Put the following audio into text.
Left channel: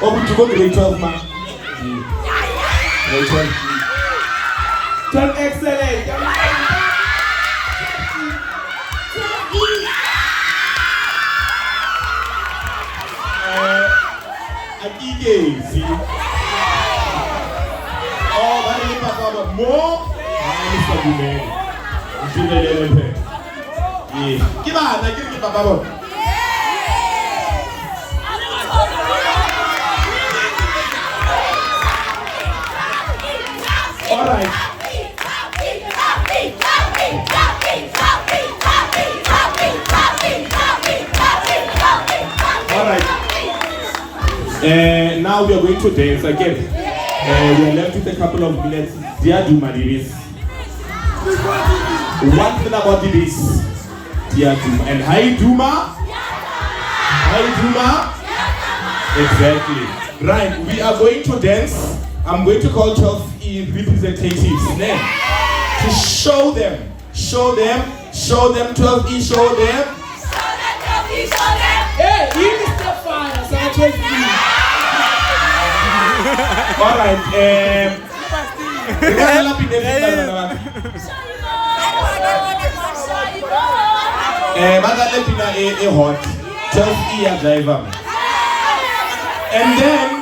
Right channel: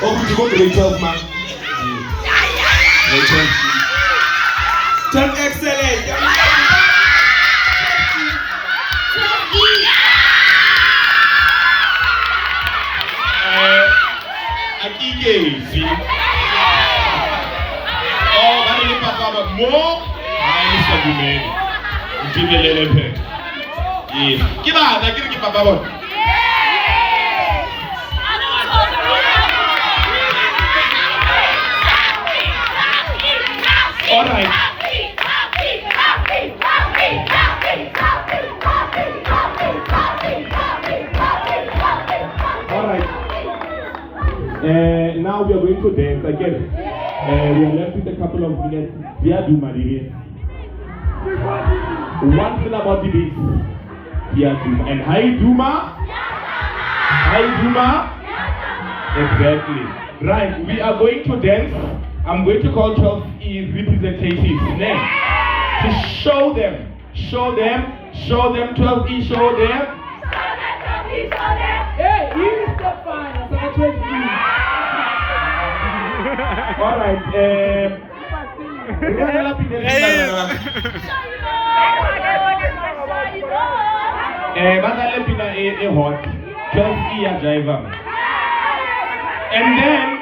Oh, you go grade 12, man. Grade 12. Turn excellent. Akike, oh, but if I got more, Mr. Gumeni. Give a little bit. Yeah. Give on, I give Papa. All right. All right. Now we are going to dance again. We are left with a couple of minutes. Dear Duma, this. One thing about this, dear Duma. And hi Duma. Hi Duma. Exactly. Right. We are going to dance. I'm going to call 12E representatives now to show them 12E, show them. Hey, he is the fire, so I take you. All right. Hot 12E driver. And then